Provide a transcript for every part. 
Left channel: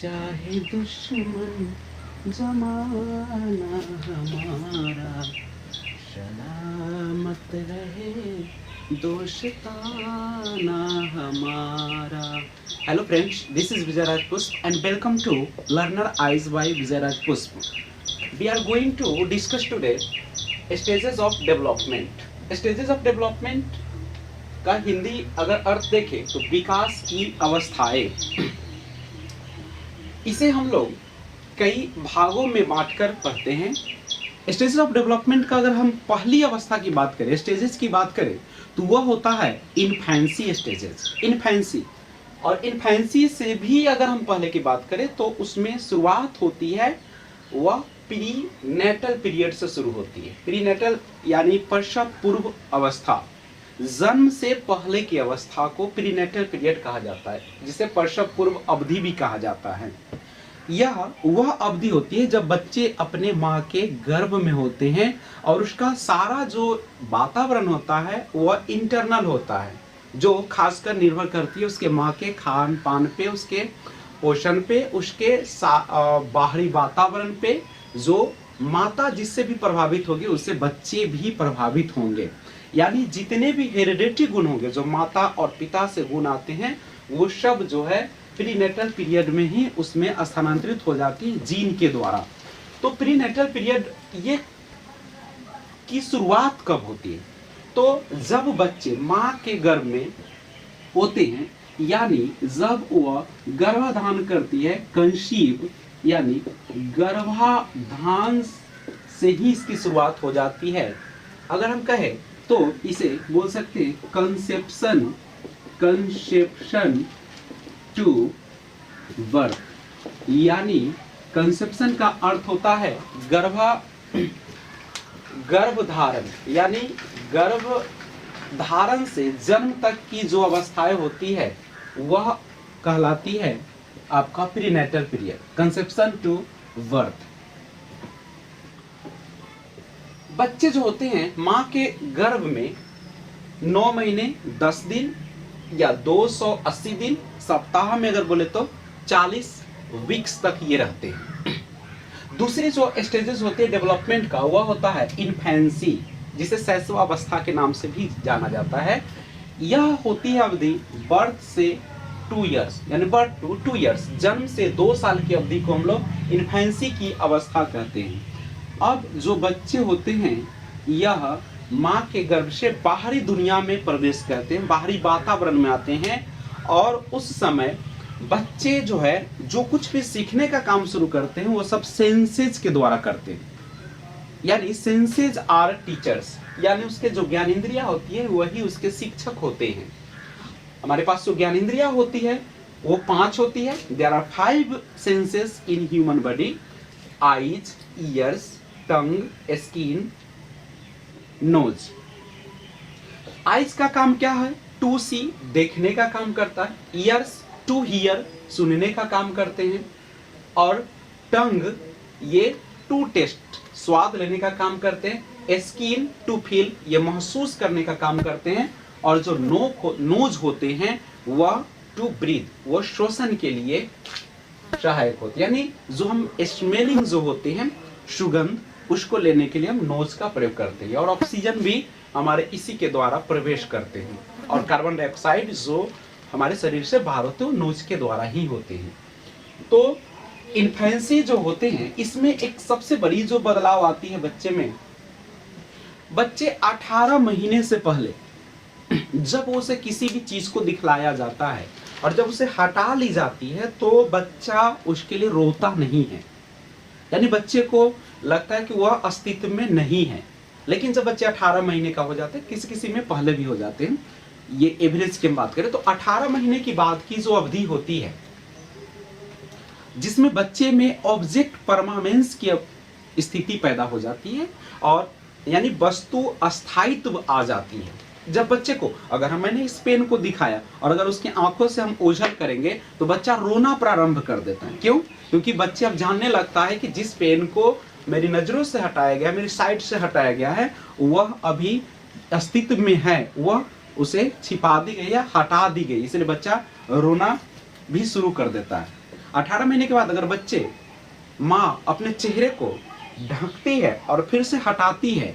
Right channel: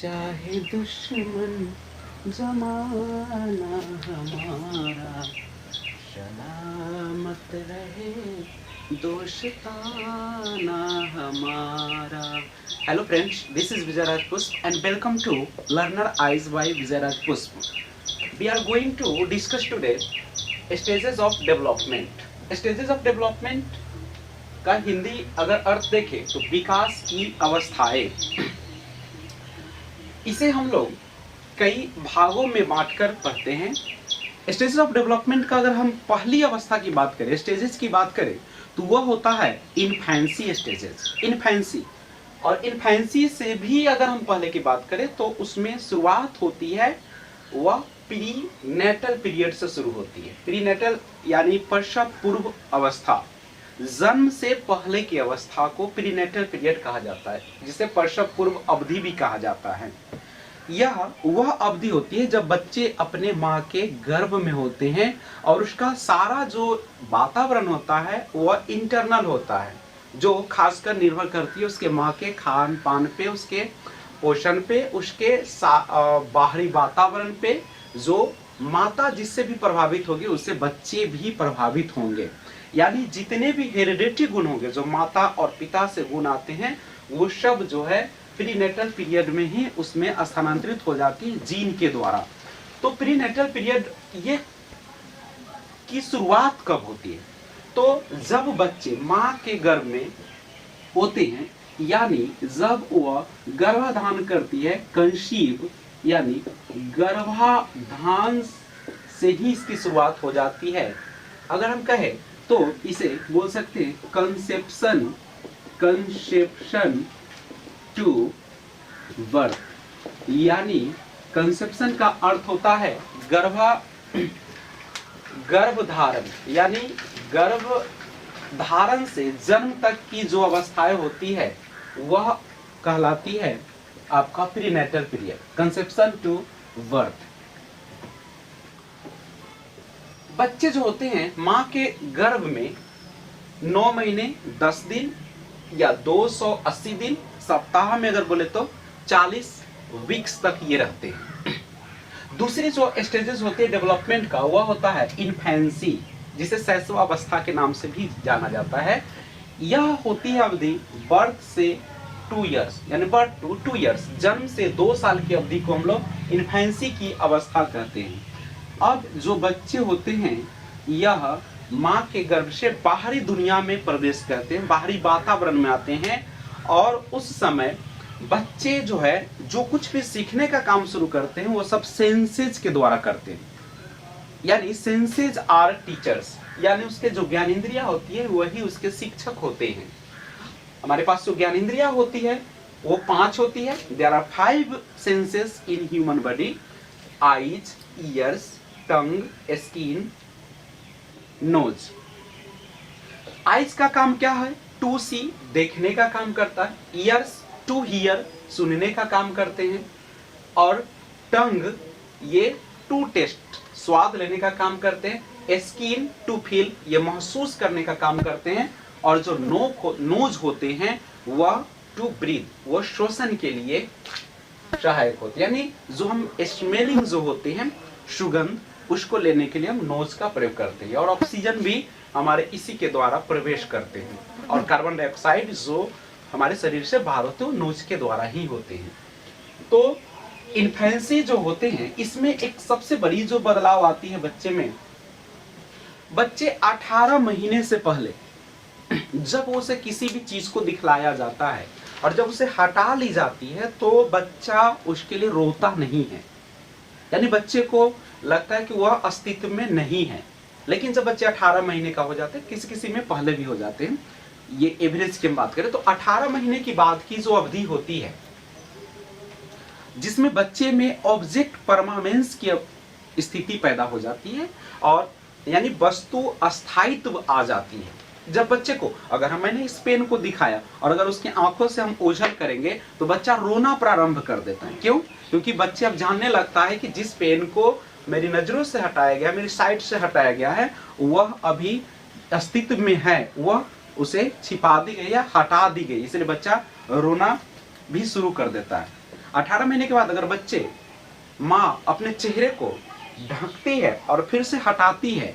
चाहे दुश्मन जमाना हमारा, सलामत रहे दोस्ताना हमारा. Hello friends, this is Vijay Raj Pusp and welcome to Learner Eyes by Vijay Raj Pusp. We are going to discuss today stages of development. Stages of development का हिंदी अगर अर्थ देखें तो विकास की अवस्थाएं. इसे हम लोग कई भागों में बांटकर पढ़ते हैं. स्टेजेस ऑफ डेवलपमेंट का अगर हम पहली अवस्था की बात करें, स्टेजेस की बात करें, तो वह होता है इन्फेंसी स्टेजेस. इन्फेंसी, और इन्फेंसी से भी अगर हम पहले की बात करें तो उसमें शुरुआत होती है वह प्री नेटल पीरियड से शुरू होती है. प्री नेटल यानी प्रसव पूर्व अवस्था, जन्म से पहले की अवस्था को प्रीनेटल पीरियड कहा जाता है, जिसे प्रसव पूर्व अवधि भी कहा जाता है. यह वह अवधि होती है जब बच्चे अपने माँ के गर्भ में होते हैं और उसका सारा जो वातावरण होता है वह इंटरनल होता है, जो खासकर निर्भर करती है उसके माँ के खान पान पे, उसके पोषण पे, उसके बाहरी वातावरण पे. जो माता जिससे भी प्रभावित होगी उससे बच्चे भी प्रभावित होंगे. यानी जितने भी हेरिडेटरी गुण होंगे, जो माता और पिता से गुण आते हैं, वो सब जो है प्रीनेटल पीरियड में ही उसमें स्थानांतरित हो जाती है जीन के द्वारा. तो प्रीनेटल पीरियड ये की शुरुआत कब होती है? तो जब बच्चे माँ के गर्भ में होते हैं, यानी जब वह गर्भाधान करती है, कंसीव यानी गर्भाधान से ही इसकी शुरुआत हो जाती है. अगर हम कहें तो इसे बोल सकते हैं कंसेप्शन टू बर्थ. यानी कंसेप्शन का अर्थ होता है गर्भधारण, यानी गर्भधारण से जन्म तक की जो अवस्थाएं होती है वह कहलाती है आपका prenatal period, conception to birth. बच्चे जो होते हैं माँ के गर्भ में 9 महीने 10 दिन या 280 दिन, सप्ताह में अगर बोले तो 40 वीक्स तक ये रहते हैं. दूसरी जो स्टेजेस होती है डेवलपमेंट का, वह होता है इन्फेंसी, जिसे शैशवावस्था के नाम से भी जाना जाता है. यह होती है अवधि बर्थ से 2 इयर्स, यानी बर्थ टू 2 इयर्स, जन्म से 2 साल की अवधि को हम लोग इन्फेंसी की अवस्था कहते हैं. अब जो बच्चे होते हैं यह माँ के गर्भ से बाहरी दुनिया में प्रवेश करते हैं, बाहरी वातावरण में आते हैं, और उस समय बच्चे जो है जो कुछ भी सीखने का काम शुरू करते हैं वो सब सेंसेज के द्वारा करते हैं. यानी सेंसेज आर टीचर्स, यानी उसके जो ज्ञानेंद्रियां होती है वही उसके शिक्षक होते हैं. हमारे पास जो ज्ञानेंद्रियां होती है वो 5 होती है. There are 5 senses in human body: eyes, ears, tongue, skin, nose. Eyes का काम क्या है? टू सी, देखने का काम करता है. ईयर्स टू हियर, सुनने का काम करते हैं. और टंग ये टू टेस्ट, स्वाद लेने का काम करते हैं. स्किन टू फील, ये महसूस करने का काम करते हैं. और जो नोज होते हैं वह टू ब्रीथ, वो श्वसन के लिए सहायक होते हैं. यानी जो हम स्मेलिंग जो होते हैं, सुगंध, उसको लेने के लिए हम नोज का प्रयोग करते हैं. और ऑक्सीजन भी हमारे इसी के द्वारा प्रवेश करते हैं. और कार्बन डाइऑक्साइड जो हमारे शरीर से बाहर होते हैं वो नोज के द्वारा ही होते हैं. तो इन्फेंसी जो होते हैं इसमें एक सबसे बड़ी जो बदलाव आती है बच्चे में, बच्चे 18 महीने से पहले जब उसे किसी भी चीज को दिखलाया जाता है और जब उसे हटा ली जाती है तो बच्चा उसके लिए रोता नहीं है. यानी बच्चे को लगता है कि वह अस्तित्व में नहीं है. लेकिन जब बच्चे 18 महीने का हो जाते हैं, किसी किसी में पहले भी हो जाते हैं, ये एवरेज की हम बात करें तो 18 महीने की बाद की जो अवधि होती है जिसमें बच्चे में ऑब्जेक्ट परमानेंस की स्थिति पैदा हो जाती है, और यानी वस्तु अस्थायित्व आ जाती है. जब बच्चे को, अगर मैंने इस पेन को दिखाया और अगर उसकी आंखों से हम ओझल करेंगे तो बच्चा रोना प्रारंभ कर देता है. क्यों? क्योंकि बच्चे अब जानने लगता है कि जिस पेन को मेरी नजरों से हटाया गया, मेरी साइड से हटाया गया है, वह अभी अस्तित्व में है, वह उसे छिपा दी गई या हटा दी गई. इसलिए बच्चा रोना भी शुरू कर देता है. 18 महीने के बाद अगर बच्चे माँ अपने चेहरे को ढकती है और फिर से हटाती है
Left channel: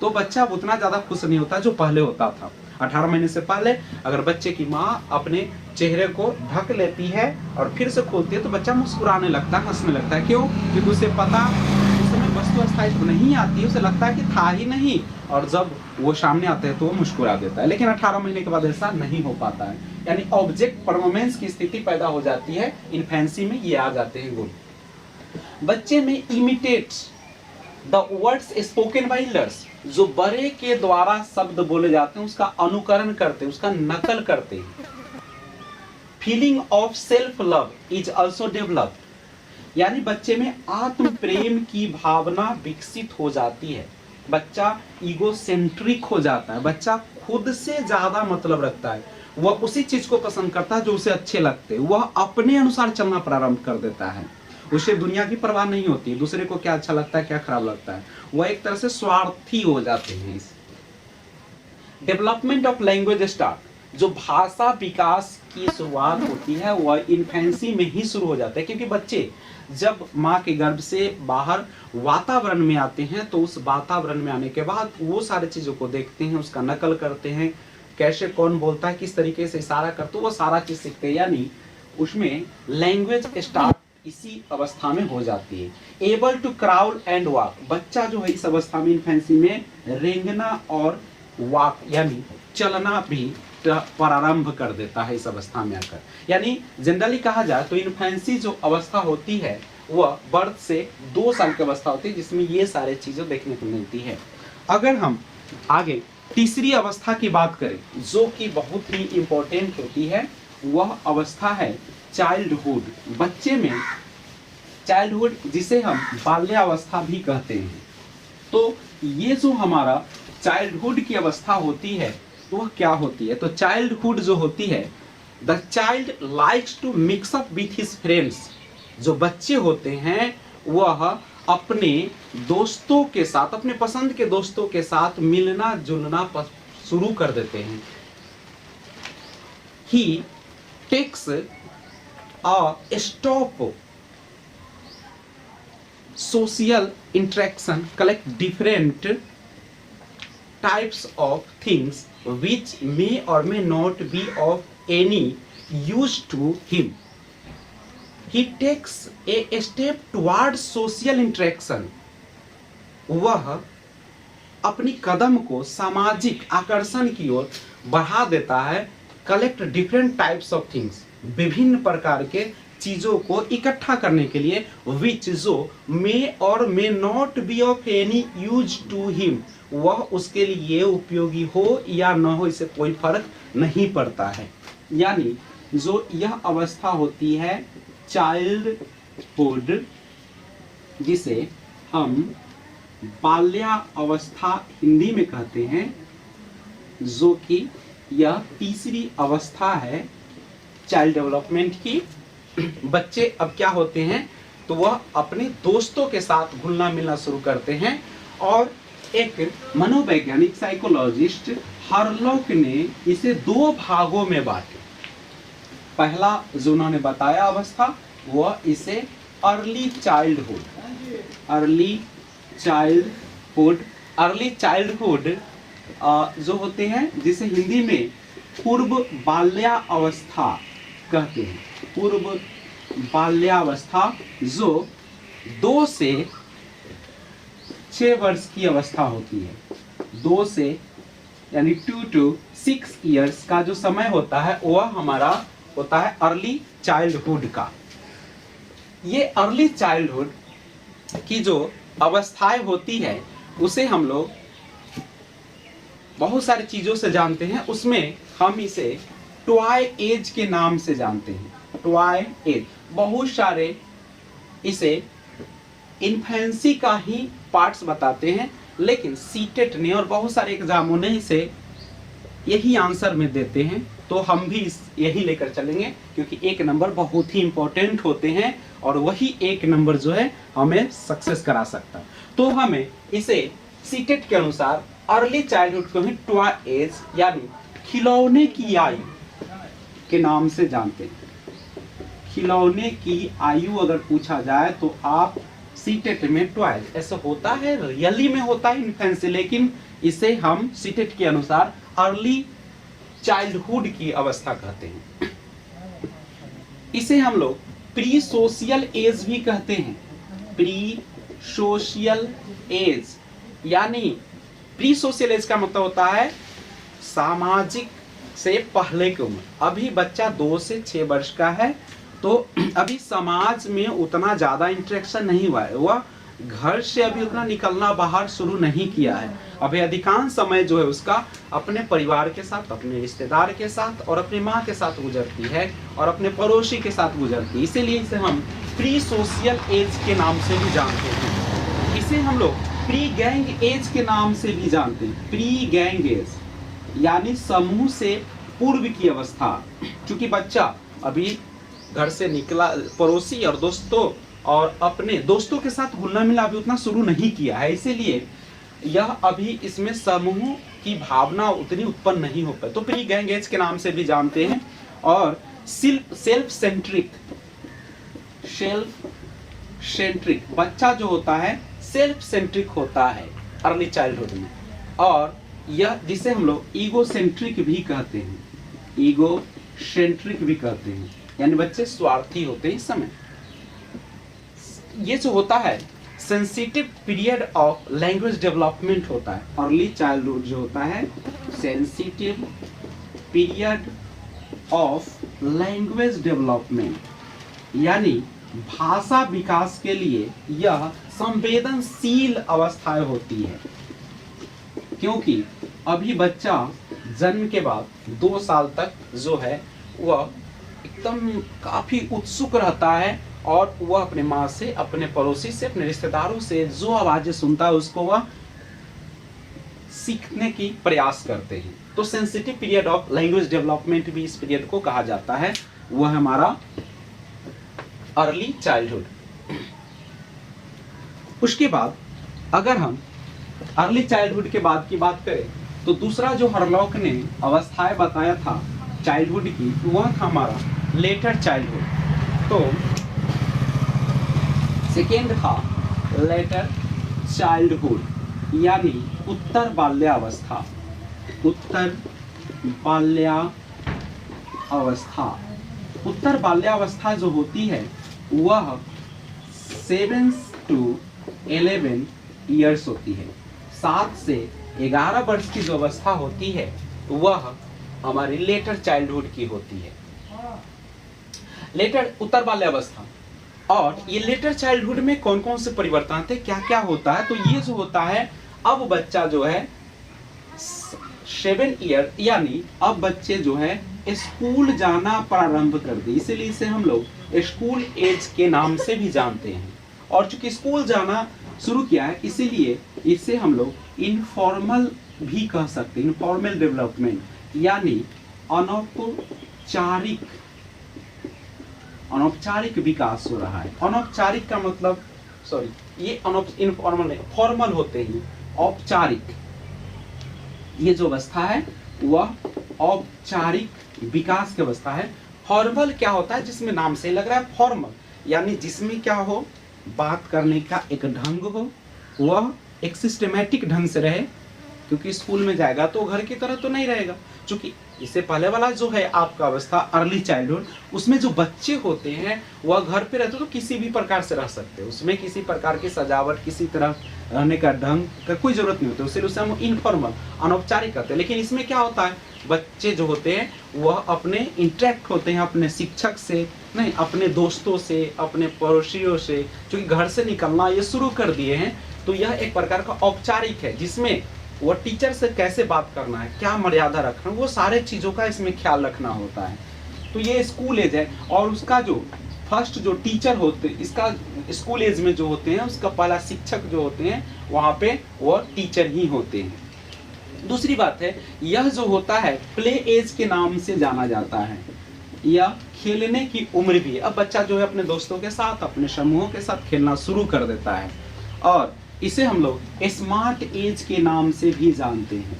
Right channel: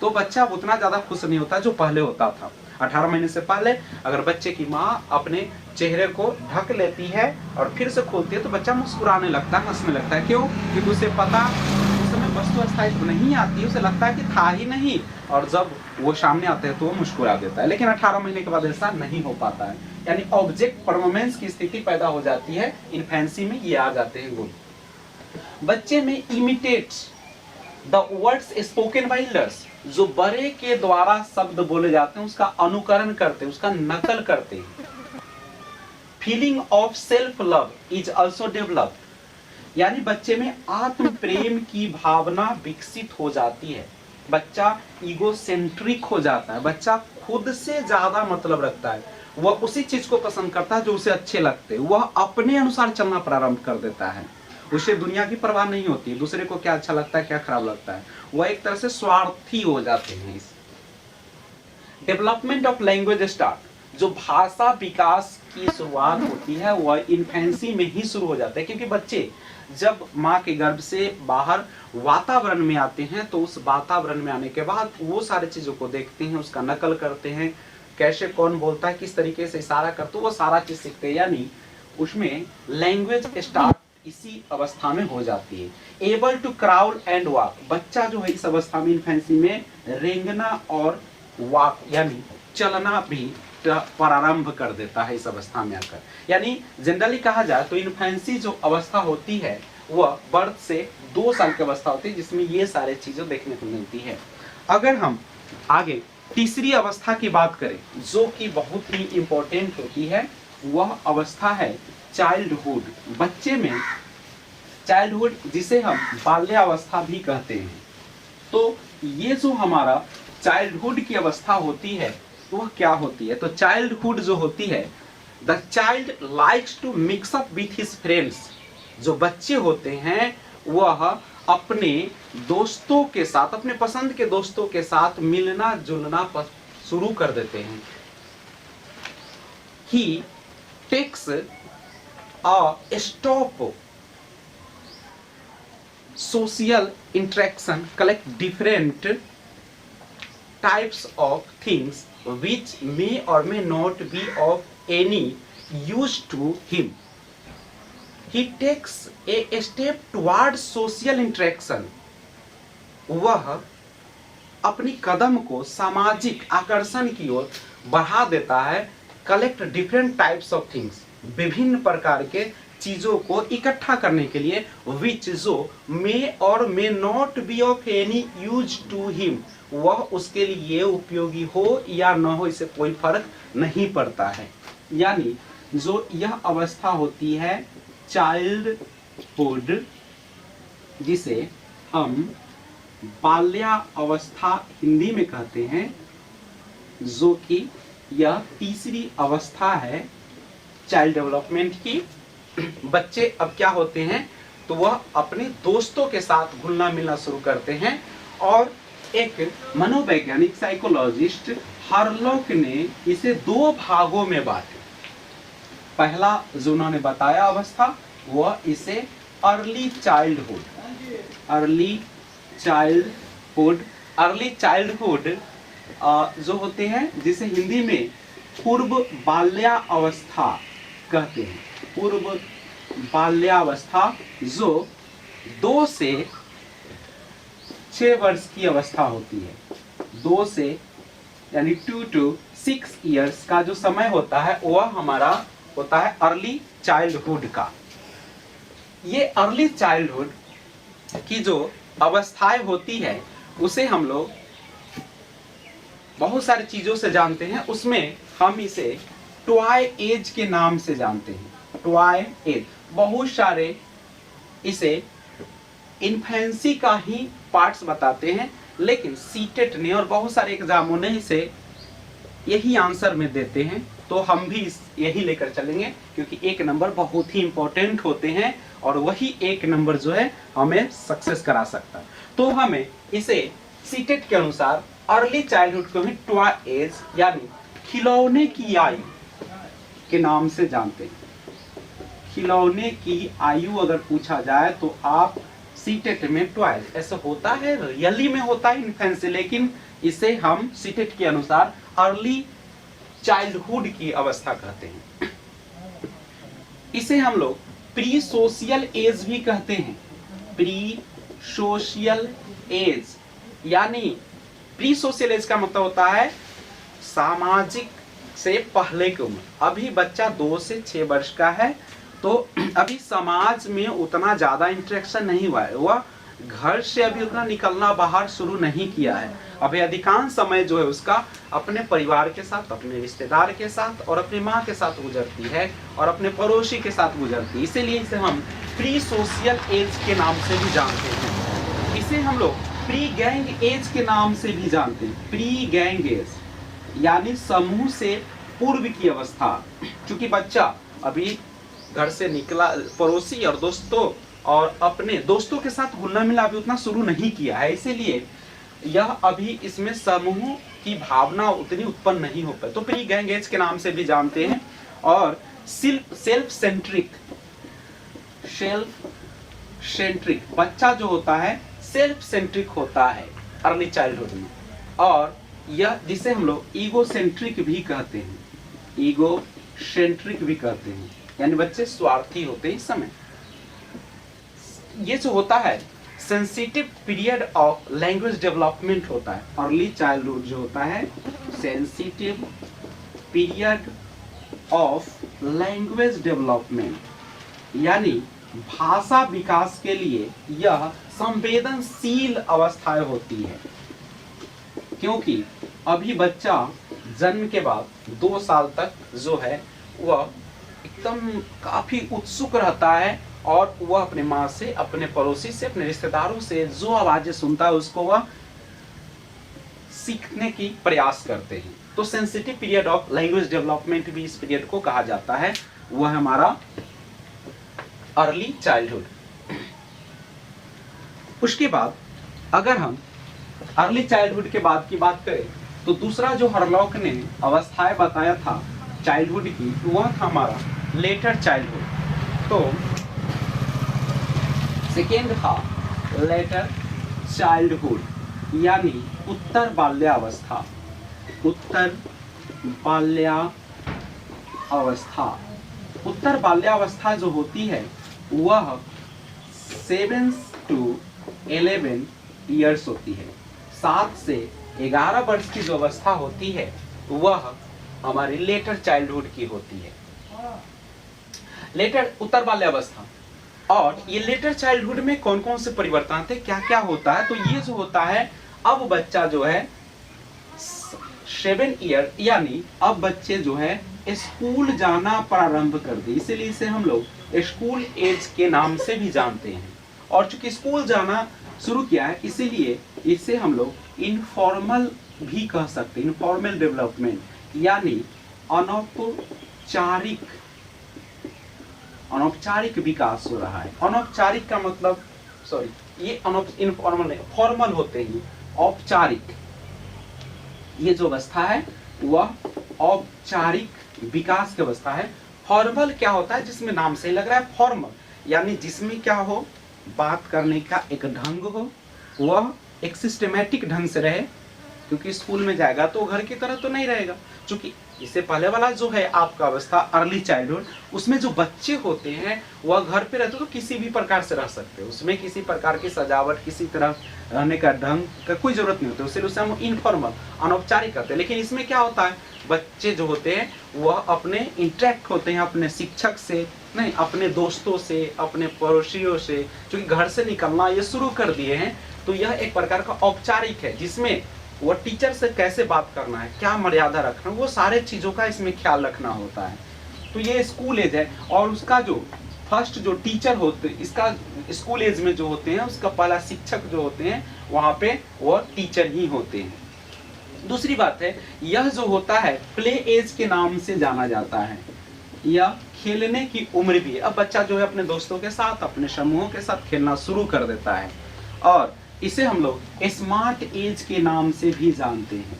तो बच्चा उतना ज्यादा खुश नहीं होता जो पहले होता था। 18 महीने से पहले अगर बच्चे की माँ अपने चेहरे को ढक लेती है और फिर से खोलती है तो बच्चा मुस्कुराने लगता है, हंसने लगता है। क्यों? क्योंकि उसे पता उस समय वस्तु स्थायित्व नहीं आती, उसे लगता है कि था ही नहीं, और जब वो सामने आते हैं तो वो मुस्कुरा देता है। लेकिन 18 महीने के बाद ऐसा नहीं हो पाता है, यानी ऑब्जेक्ट परफॉर्मेंस की स्थिति पैदा हो जाती है। इन्फेंसी में ये आ जाते हैं गुण। बच्चे में imitate the words spoken by elders, जो बड़े के द्वारा शब्द बोले जाते हैं उसका अनुकरण करते हैं, उसका नकल करते हैं। Feeling of self love is also developed, यानी बच्चे में आत्म प्रेम की भावना विकसित हो जाती है। बच्चा ईगोसेंट्रिक हो जाता है, बच्चा खुद से ज्यादा मतलब रखता है, वह उसी चीज को पसंद करता है जो उसे अच्छे लगते हैं, वह अपने अनुसार चलना प्रारंभ कर देता है, उसे दुनिया की परवाह नहीं होती, दूसरे को क्या अच्छा लगता है क्या खराब लगता है, वह एक तरह से स्वार्थी हो जाते हैं। डेवलपमेंट ऑफ लैंग्वेज स्टार्ट, जो भाषा विकास की शुरुआत होती है वह इन्फेंसी में ही शुरू हो जाता है, क्योंकि बच्चे जब माँ के गर्भ से बाहर वातावरण में आते हैं तो उस वातावरण में आने के बाद वो सारी चीजों को देखते हैं, उसका नकल करते हैं, कैसे कौन बोलता है, किस तरीके से इशारा करते वो सारा चीज सीखते हैं, यानी उसमें लैंग्वेज स्टार्ट इसी अवस्था में हो जाती है। Able to crawl and walk, बच्चा जो है इस अवस्था में इन्फेंसी में रेंगना और वॉक यानी चलना भी प्रारंभ कर देता है इस अवस्था में आकर। यानी जनरली कहा जाए तो इन्फेंसी जो अवस्था होती है वह बर्थ से 2 साल की अवस्था होती है, जिसमें ये सारे चीजें देखने को मिलती है। अगर हम आगे तीसरी अवस्था की बात करें जो कि बहुत ही इंपॉर्टेंट होती है, वह अवस्था है चाइल्डहुड। बच्चे में चाइल्डहुड जिसे हम बाल्यावस्था भी कहते हैं, तो ये जो हमारा चाइल्डहुड की अवस्था होती है वह क्या होती है? तो चाइल्डहुड जो होती है, the child likes to mix up with his friends, जो बच्चे होते हैं वह अपने दोस्तों के साथ, अपने पसंद के दोस्तों के साथ मिलना जुलना शुरू कर देते हैं। He takes a stop social interaction, collect different types of things which may or may not be of any use to him. He takes a step towards social interaction. वह अपनी कदम को सामाजिक आकर्षण की ओर बढ़ा देता है। Collect different types of things, विभिन्न प्रकार के चीजों को इकट्ठा करने के लिए, विच जो मे और may not be of any use to him, वह उसके लिए उपयोगी हो या न हो इससे कोई फर्क नहीं पड़ता है। यानी जो यह अवस्था होती है चाइल्डहुड, जिसे हम बाल्यावस्था हिंदी में कहते हैं, जो कि यह तीसरी अवस्था है चाइल्ड डेवलपमेंट की। बच्चे अब क्या होते हैं तो वह अपने दोस्तों के साथ घुलना मिलना शुरू करते हैं, और एक मनोवैज्ञानिक साइकोलॉजिस्ट हार्लॉक ने इसे 2 भागों में बांटा। पहला जो उन्होंने बताया अवस्था वह इसे अर्ली चाइल्डहुड जो होते हैं, जिसे हिंदी में पूर्व बाल्यावस्था कहते हैं। पूर्व बाल्यावस्था जो 2 से 6 वर्ष की अवस्था होती है। 2 से यानी 2 to 6 इयर्स का जो समय होता है वह हमारा होता है अर्ली चाइल्डहुड का। ये अर्ली चाइल्डहुड की जो अवस्थाएं होती है उसे हम लोग बहुत सारी चीजों से जानते हैं, उसमें हम इसे टॉय एज के नाम से जानते हैं। टॉय एज, बहुत सारे इसे इन्फेंसी का ही पार्ट्स बताते हैं, लेकिन सीटेट ने और बहुत सारे एग्जामों ने इसे यही आंसर में देते हैं, तो हम भी यही लेकर चलेंगे, क्योंकि 1 नंबर बहुत ही इंपॉर्टेंट होते हैं और वही 1 नंबर जो है हमें सक्सेस करा सकता है। तो हमें इसे सीटेट के अनुसार अर्ली चाइल्डहुड को ही टॉय एज यानी खिलौने की आयु के नाम से जानते हैं। खिलौने की आयु अगर पूछा जाए तो आप सीटेट में 12, ऐसा होता है, रियली में होता है इन्फेंसी, लेकिन इसे हम सीटेट के अनुसार अर्ली चाइल्डहुड की अवस्था कहते हैं। इसे हम लोग प्री सोशियल एज भी कहते हैं। प्री सोशियल एज यानी प्री सोशियल एज का मतलब होता है सामाजिक से पहले की उम्र। अभी बच्चा 2 से 6 वर्ष का है तो अभी समाज में उतना ज्यादा इंटरेक्शन नहीं हुआ है, वह घर से अभी उतना निकलना बाहर शुरू नहीं किया है। अभी अधिकांश समय जो है उसका अपने परिवार के साथ, अपने रिश्तेदार के साथ और अपनी माँ के साथ गुजरती है और अपने पड़ोसी के साथ गुजरती है। इसीलिए इसे हम प्री सोशियल एज के नाम से भी जानते हैं। इसे हम लोग प्री गैंग एज के नाम से भी जानते हैं। प्री गैंग एज यानी समूह से पूर्व की अवस्था। क्योंकि बच्चा अभी घर से निकला, पड़ोसी और दोस्तों और अपने दोस्तों के साथ घुलना मिलना अभी उतना शुरू नहीं किया है, इसीलिए यह अभी इसमें समूह की भावना उतनी उत्पन्न नहीं हो पाई, तो प्री गैंग एज के नाम से भी जानते हैं। और सेल्फ सेंट्रिक बच्चा जो होता है सेल्फ सेंट्रिक होता है अर्ली चाइल्डहुड में, और यह जिसे हम लोग ईगो सेंट्रिक भी कहते हैं। ईगो सेंट्रिक भी कहते हैं, यानी बच्चे स्वार्थी होते हैं इस समय। ये जो होता है sensitive period of language development होता है। अर्ली चाइल्डहुड जो होता है sensitive period of language development, यानी भाषा विकास के लिए यह संवेदनशील अवस्थाएं होती है। क्योंकि अभी बच्चा जन्म के बाद 2 साल तक जो है वह एकदम काफी उत्सुक रहता है और वह अपने माँ से, अपने पड़ोसी से, अपने रिश्तेदारों से जो आवाजें सुनता है उसको वह सीखने की प्रयास करते हैं। तो sensitive period of language development भी इस पीरियड को कहा जाता है, वह हमारा अर्ली चाइल्डहुड। उसके बाद अगर हम अर्ली चाइल्डहुड के बाद की बात करें तो दूसरा जो हरलॉक ने अवस्थाएं बताया था चाइल्डहुड की, वह था हमारा लेटर चाइल्डहुड। तो सेकेंड था लेटर चाइल्डहुड यानी उत्तर बाल्यावस्था। उत्तर बाल्यावस्था, उत्तर बाल्यावस्था जो होती है वह 7 to 11 ईयर्स होती है। 7 से 11 वर्ष की जो अवस्था होती है वह हमारी लेटर चाइल्डहुड की होती है। लेटर उत्तर बाल्यावस्था। और ये लेटर चाइल्डहुड में कौन कौन से परिवर्तन आते हैं, क्या क्या होता है, तो ये जो होता है अब बच्चा जो है 7 ईयर यानी अब बच्चे जो है स्कूल जाना प्रारंभ कर दे, इसीलिए इसे हम लोग स्कूल एज के नाम से भी जानते हैं। और चूंकि स्कूल जाना शुरू किया है इसीलिए इसे हम लोग इनफॉर्मल भी कह सकते हैं। इनफॉर्मल डेवलपमेंट यानी अनौपचारिक विकास हो रहा है। अनौपचारिक का मतलब ये इनफॉर्मल नहीं, फॉर्मल होते हैं, औपचारिक। ये जो अवस्था है वह औपचारिक विकास की अवस्था है। फॉर्मल क्या होता है, जिसमें नाम से लग रहा है फॉर्मल, यानी जिसमें क्या हो, बात करने का एक ढंग हो, वह एक सिस्टमैटिक ढंग से रहे। क्योंकि स्कूल में जाएगा तो घर की तरह तो नहीं रहेगा। क्योंकि इससे पहले वाला जो है आपका अवस्था अर्ली चाइल्डहुड, उसमें जो बच्चे होते हैं वह घर पे रहते तो किसी भी प्रकार से रह सकते हैं, उसमें किसी प्रकार की सजावट, किसी तरह रहने का ढंग का कोई जरूरत नहीं होती, इसलिए उसे हम इनफॉर्मल अनौपचारिक कहते हैं। लेकिन इसमें क्या होता है, बच्चे जो होते हैं वह अपने इंटरेक्ट होते हैं अपने शिक्षक से नहीं, अपने दोस्तों से, अपने पड़ोसियों से, क्योंकि घर से निकलना ये शुरू कर दिए हैं। तो यह एक प्रकार का औपचारिक है, जिसमें वो टीचर से कैसे बात करना है, क्या मर्यादा रखना, वो सारे चीजों का इसमें ख्याल रखना होता है। तो ये स्कूल एज है। और उसका जो फर्स्ट जो टीचर होते हैं, इसका स्कूल एज में जो होते हैं, उसका पहला शिक्षक जो होते हैं वहां पे वो टीचर ही होते हैं। दूसरी बात है, यह जो होता है प्ले एज के नाम से जाना जाता है। यह खेलने की उम्र भी है। अब बच्चा जो है अपने दोस्तों के साथ, अपने समूहों के साथ खेलना शुरू कर देता है। और इसे हम लोग स्मार्ट एज के नाम से भी जानते हैं।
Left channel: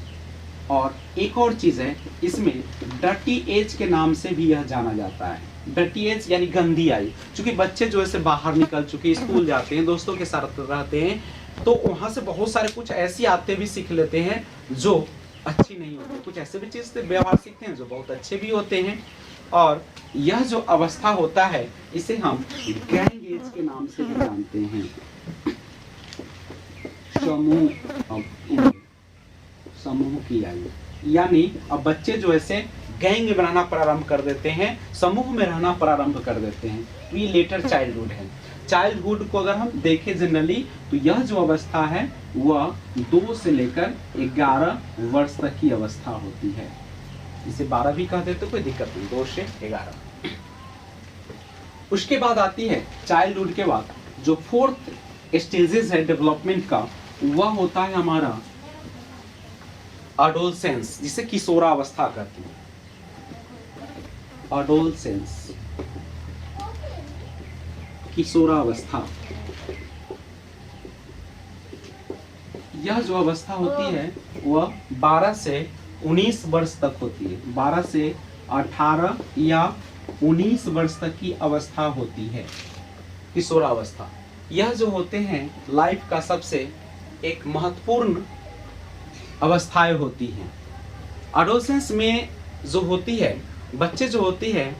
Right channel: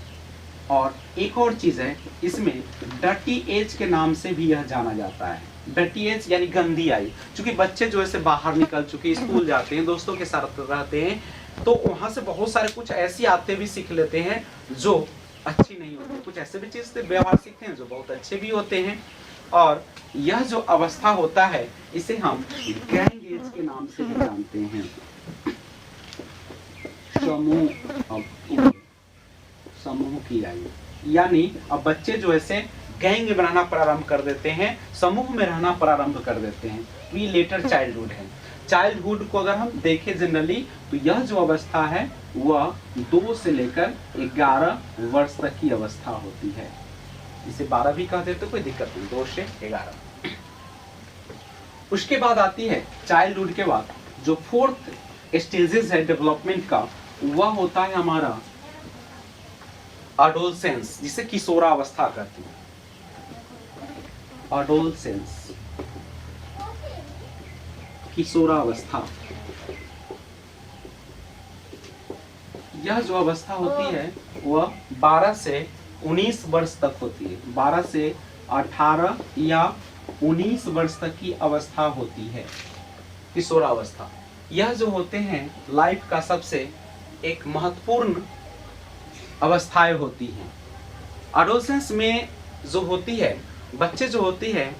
और एक और चीज है, इसमें डर्टी एज के नाम से भी यह जाना जाता है। डर्टी एज यानी गंदी आई। क्योंकि बच्चे जो ऐसे बाहर निकल चुके, स्कूल जाते हैं, दोस्तों के साथ रहते हैं, तो वहां से बहुत सारे कुछ ऐसी आदतें भी सीख लेते हैं जो अच्छी नहीं होती। कुछ ऐसे भी चीज से व्यवहार सीखते हैं जो बहुत अच्छे भी होते हैं। और यह जो अवस्था होता है इसे हम गैंग एज के नाम से भी जानते हैं। समूह की आयु, यानी अब बच्चे जो ऐसे गैंग में रहना प्रारंभ कर देते हैं, समूह में रहना प्रारंभ कर देते हैं। ये लेटर चाइल्डहुड है। चाइल्डहुड को अगर हम देखें जनरली तो यह जो अवस्था है वह 2 से लेकर 11 वर्ष तक की अवस्था होती है। इसे 12 भी कह देते कोई दिक्कत नहीं, 2 से 11। उसके बाद आती है चाइल्डहुड के बाद जो 4th स्टेजेस है डेवलपमेंट का, वह होता है हमारा एडोलसेंस, जिसे किशोरावस्था कहते हैं। एडोलसेंस, किशोरावस्था। यह जो अवस्था होती है वह 12 से 19 वर्ष तक होती है। 12 से 18 या 19 वर्ष तक की अवस्था होती है किशोरावस्था। यह जो होते हैं लाइफ का सबसे एक महत्वपूर्ण अवस्थाएं होती हैं। एडोलसेंस में जो होती है, बच्चे जो होती है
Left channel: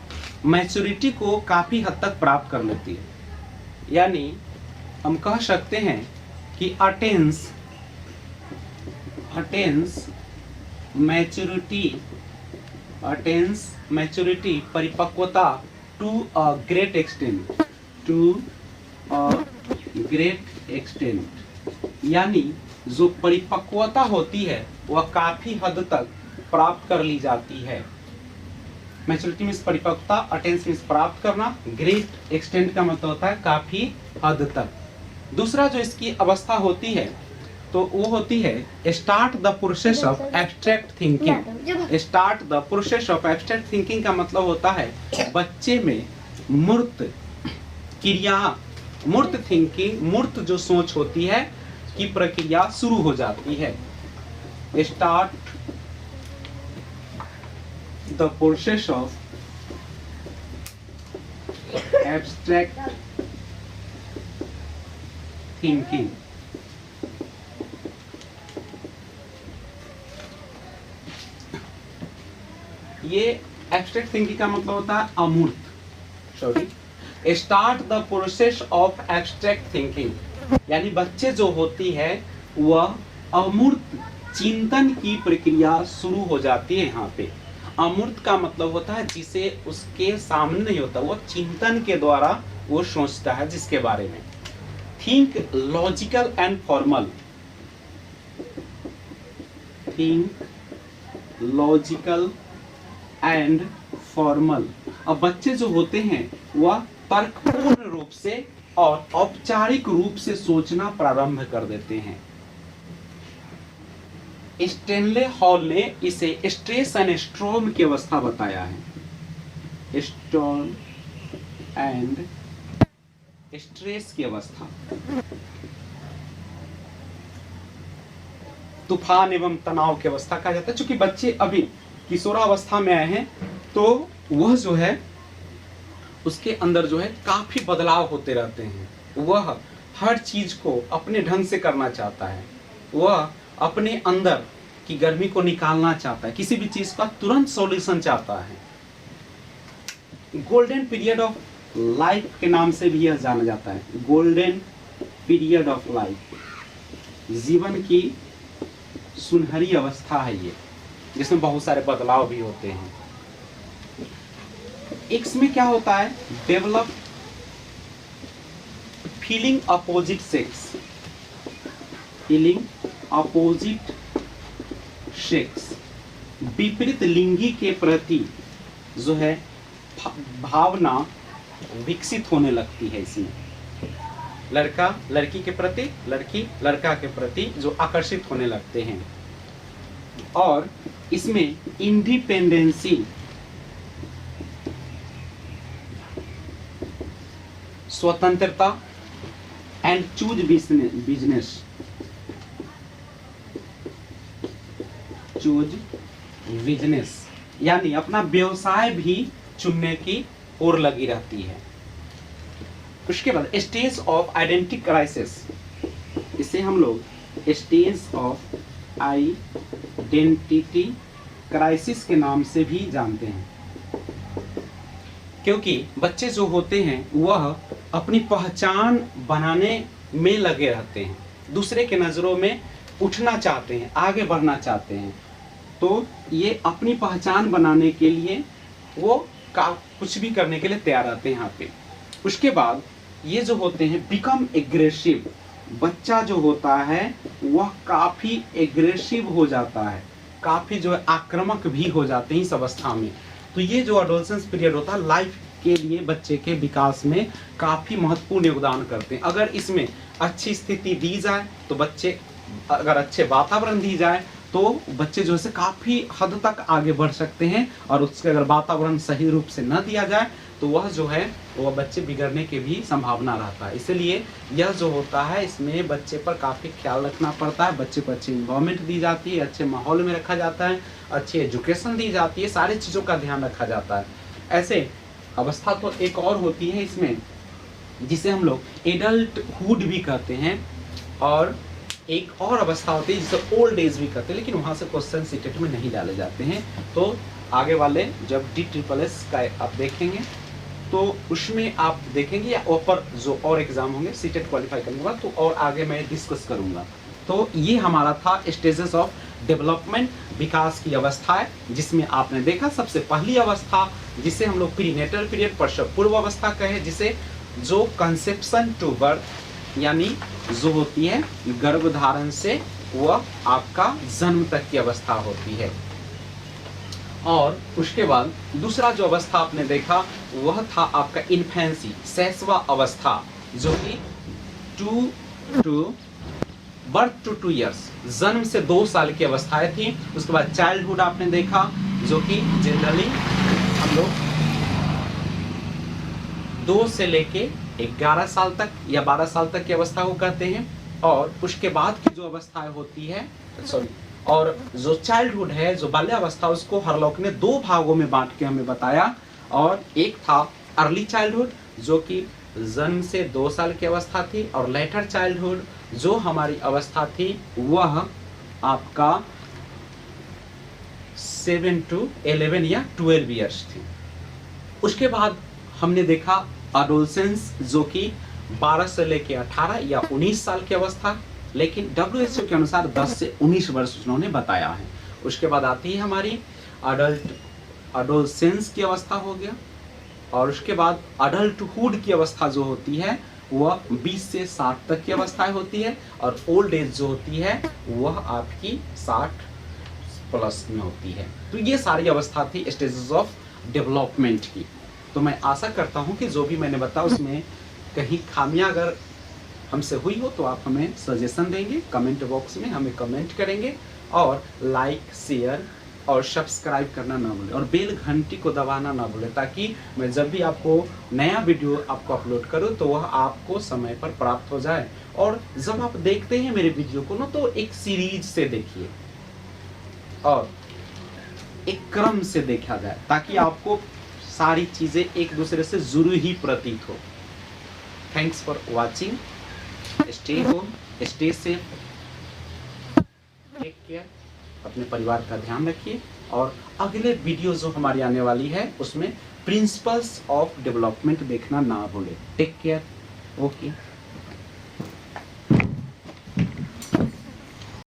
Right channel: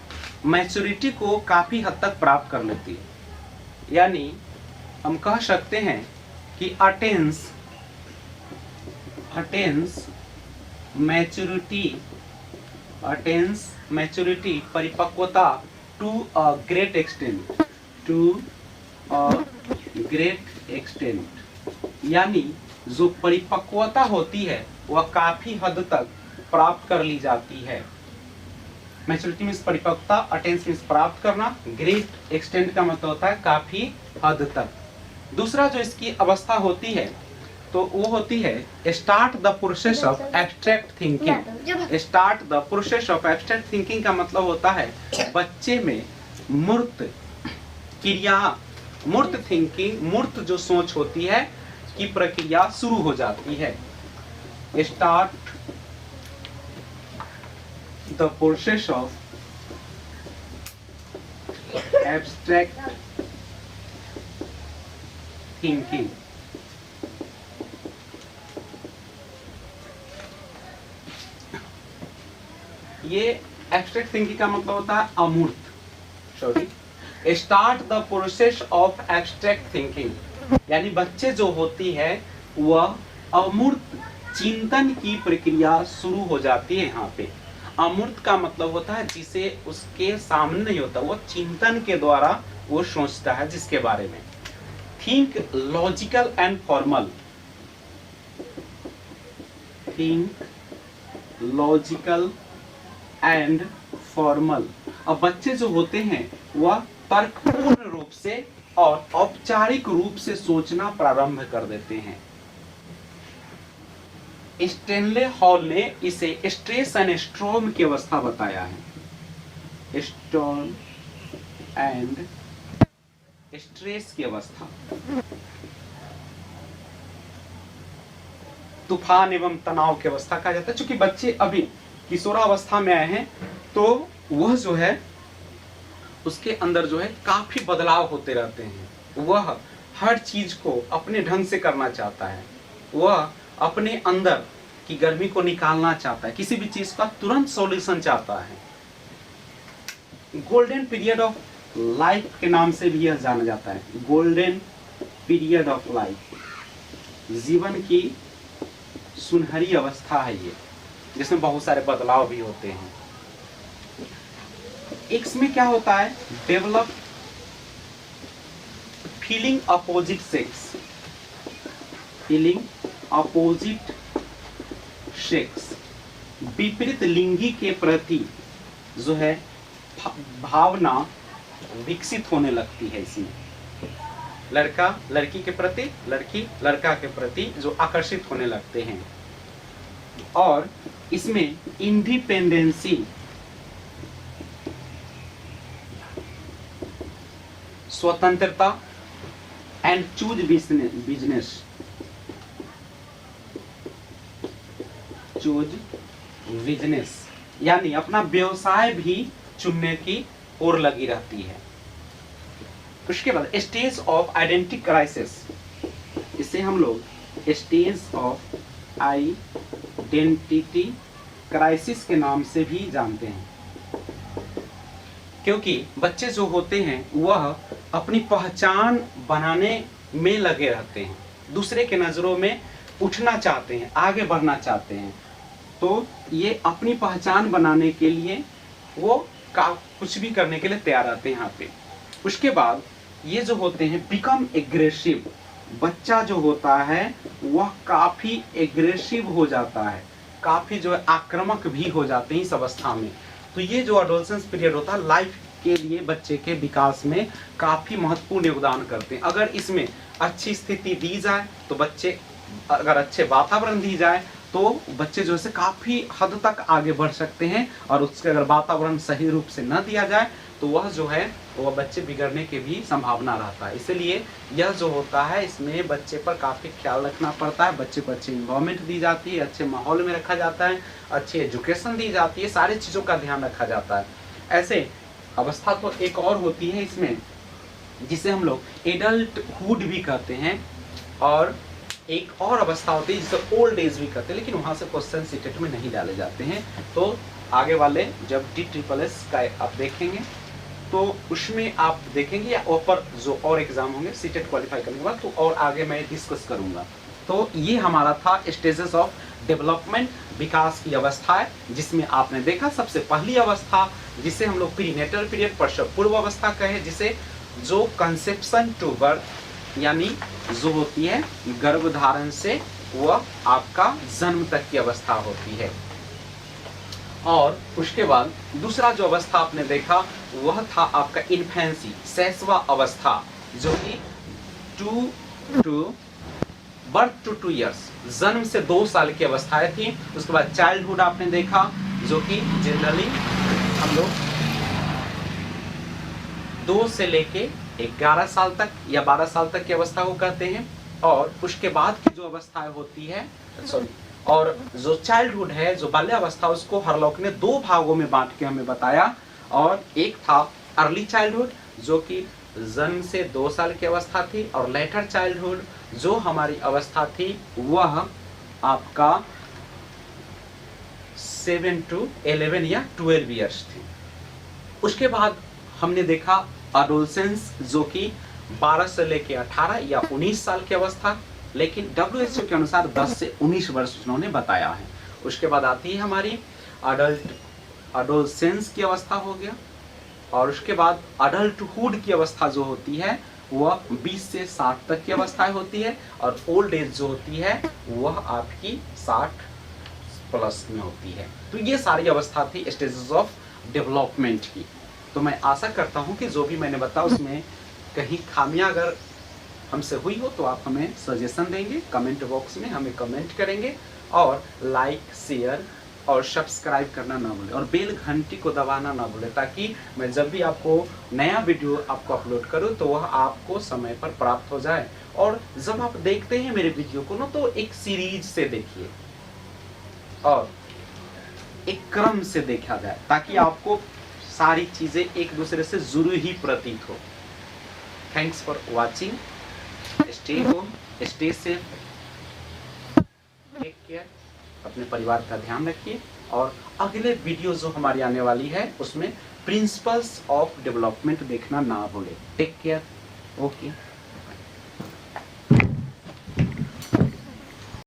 मैच्योरिटी को काफी हद तक प्राप्त कर लेती है। यानी हम कह सकते हैं कि अटेन्स मैच्योरिटी परिपक्वता टू अ ग्रेट एक्सटेंट, यानी जो परिपक्वता होती है वह काफी हद तक प्राप्त कर ली जाती है। मैच्योरिटी मीन्स परिपक्वता, अटेंस मीन्स प्राप्त करना, ग्रेट एक्सटेंट का मतलब होता है काफी हद तक। दूसरा जो इसकी अवस्था होती है तो वो होती है start the process of abstract thinking. Start the process of abstract thinking का मतलब होता है बच्चे में मूर्त क्रिया, मूर्त थिंकिंग, मूर्त जो सोच होती है की प्रक्रिया शुरू हो जाती है। Start the process of abstract thinking. ये एब्स्ट्रैक्ट थिंकिंग का मतलब होता है अमूर्त, sorry, start the process of abstract thinking, यानी बच्चे जो होती है वह अमूर्त चिंतन की प्रक्रिया शुरू हो जाती है। यहाँ पे अमूर्त का मतलब होता है जिसे उसके सामने नहीं होता, वो चिंतन के द्वारा वो सोचता है जिसके बारे में। Think logical and formal, think logical and formal. अब बच्चे जो होते हैं वह तर्कपूर्ण रूप से और औपचारिक रूप से सोचना प्रारंभ कर देते हैं। स्टेनले हॉल ने इसे स्ट्रेस एंड स्ट्रॉम की अवस्था बताया है। स्टॉर्म एंड स्ट्रेस की अवस्था, तूफान एवं तनाव की अवस्था कहा जाता है। चूंकि बच्चे अभी किशोरावस्था में आए हैं तो वह जो है उसके अंदर जो है काफी बदलाव होते रहते हैं। वह हर चीज को अपने ढंग से करना चाहता है, वह अपने अंदर की गर्मी को निकालना चाहता है, किसी भी चीज का तुरंत सॉल्यूशन चाहता है। गोल्डन पीरियड ऑफ लाइफ के नाम से भी यह जाना जाता है। गोल्डन पीरियड ऑफ लाइफ, जीवन की सुनहरी अवस्था है ये, जिसमें बहुत सारे बदलाव भी होते हैं। इसमें क्या होता है, develop feeling opposite sex, feeling opposite sex, विपरीत लिंगी के प्रति जो है भावना विकसित होने लगती है। इसमें लड़का लड़की के प्रति, लड़की लड़का के प्रति जो आकर्षित होने लगते हैं। और इसमें इंडिपेंडेंसी, स्वतंत्रता and choose business, choose business, यानी अपना व्यवसाय भी चुनने की ओर लगी रहती है। उसके बाद स्टेज ऑफ आइडेंटिटी क्राइसिस, इसे हम लोग स्टेज ऑफ आइडेंटिटी क्राइसिस के नाम से भी जानते हैं, क्योंकि बच्चे जो होते हैं वह अपनी पहचान बनाने में लगे रहते हैं, दूसरे के नजरों में उठना चाहते हैं, आगे बढ़ना चाहते हैं। तो ये अपनी पहचान बनाने के लिए वो कुछ भी करने के लिए तैयार रहते हैं यहाँ पे। उसके बाद ये जो होते हैं बिकम एग्रेसिव, बच्चा जो होता है वह काफी एग्रेसिव हो जाता है, काफी जो है आक्रामक भी हो जाते हैं इस अवस्था में। तो ये जो एडोलसेंस पीरियड होता है लाइफ के लिए बच्चे के विकास में काफी महत्वपूर्ण योगदान करते हैं। अगर इसमें अच्छी स्थिति दी जाए तो बच्चे, अगर अच्छे वातावरण दी जाए तो बच्चे जो है काफी हद तक आगे बढ़ सकते हैं, और उसके अगर वातावरण सही रूप से न दिया जाए तो वह जो है वह बच्चे बिगड़ने की भी संभावना रहता है। इसलिए यह जो होता है इसमें बच्चे पर काफी ख्याल रखना पड़ता है, बच्चे को अच्छी इन्वायरमेंट दी जाती है, अच्छे माहौल में रखा जाता है, अच्छी एजुकेशन दी जाती है, सारी चीजों का ध्यान रखा जाता है। ऐसे अवस्था तो एक और होती है इसमें जिसे हम लोग एडल्टहुड भी कहते हैं, और एक और अवस्था होती है जिसे ओल्ड एज भी कहते हैं, लेकिन वहां से क्वेश्चन सीटेट में नहीं डाले जाते हैं। तो आगे वाले जब DSSS का आप देखेंगे तो उसमें आप देखेंगे, या ऊपर जो और एग्जाम होंगे सीटेट क्वालिफाई करने के बाद, तो और आगे मैं डिस्कस करूंगा। तो ये हमारा था स्टेजेस ऑफ डेवलपमेंट, विकास की अवस्था है, जिसमें आपने देखा सबसे पहली अवस्था जिसे हम लोग प्रीनेटल पीरियड, प्रसव पूर्व अवस्था कहे, जिसे जो कंसेप्शन टू बर्थ यानी जो होती है गर्भधारण से वह आपका जन्म तक की अवस्था होती है। और उसके बाद दूसरा जो अवस्था आपने देखा वह था आपका इन्फेंसी, शैशवा अवस्था, जो कि 2 ईयर्स, जन्म से 2 साल की अवस्थाएं थी। उसके बाद चाइल्डहुड आपने देखा, जो कि जनरली हम लोग 2 से लेके 11 साल तक या 12 साल तक की अवस्था को कहते हैं। और उसके बाद की जो अवस्थाएं होती है, और जो चाइल्डहुड है, जो बाल्यावस्था, उसको हरलॉक ने 2 भागों में बांट के हमें बताया। और एक था अर्ली चाइल्डहुड, जो कि जन्म से 2 साल की अवस्था थी, और लेटर चाइल्डहुड जो हमारी अवस्था थी वह आपका 7 to 11 या 12 ईयर्स थी। उसके बाद हमने देखा एडोलसेंस, जो कि 12 से लेके 18 या 19 साल की अवस्था, लेकिन WHO के अनुसार 10 से 19 वर्ष उन्होंने बताया है। उसके बाद आती है हमारी एडोलसेंस की अवस्था हो गया, और उसके बाद अडल्टहुड की अवस्था जो होती है वह 20 से 60 तक की अवस्थाएं होती है, और ओल्ड एज जो होती है वह आपकी 60 प्लस में होती है। तो ये सारी अवस्था थी स्टेजेस ऑफ डेवलपमेंट की। तो मैं आशा करता हूं कि जो भी मैंने बताया उसमें कहीं खामियां अगर हमसे हुई हो तो आप हमें सजेशन देंगे, कमेंट बॉक्स में हमें कमेंट करेंगे, और लाइक, शेयर और सब्सक्राइब करना ना भूलें, और बेल घंटी को दबाना ना भूलें, ताकि मैं जब भी आपको नया वीडियो आपको अपलोड करूं तो वह आपको समय पर प्राप्त हो जाए। और जब आप देखते हैं मेरे वीडियो को ना, तो एक सीरीज से देखिए और एक क्रम से देखा जाए, ताकि आपको सारी चीजें एक दूसरे से जुड़ी ही प्रतीत हो। Thanks for watching. Stay home, stay safe, take care, अपने परिवार का ध्यान रखिए। और अगले वीडियो जो हमारी आने वाली है उसमें प्रिंसिपल्स ऑफ डेवलपमेंट देखना ना भूलें। Take care. ओके।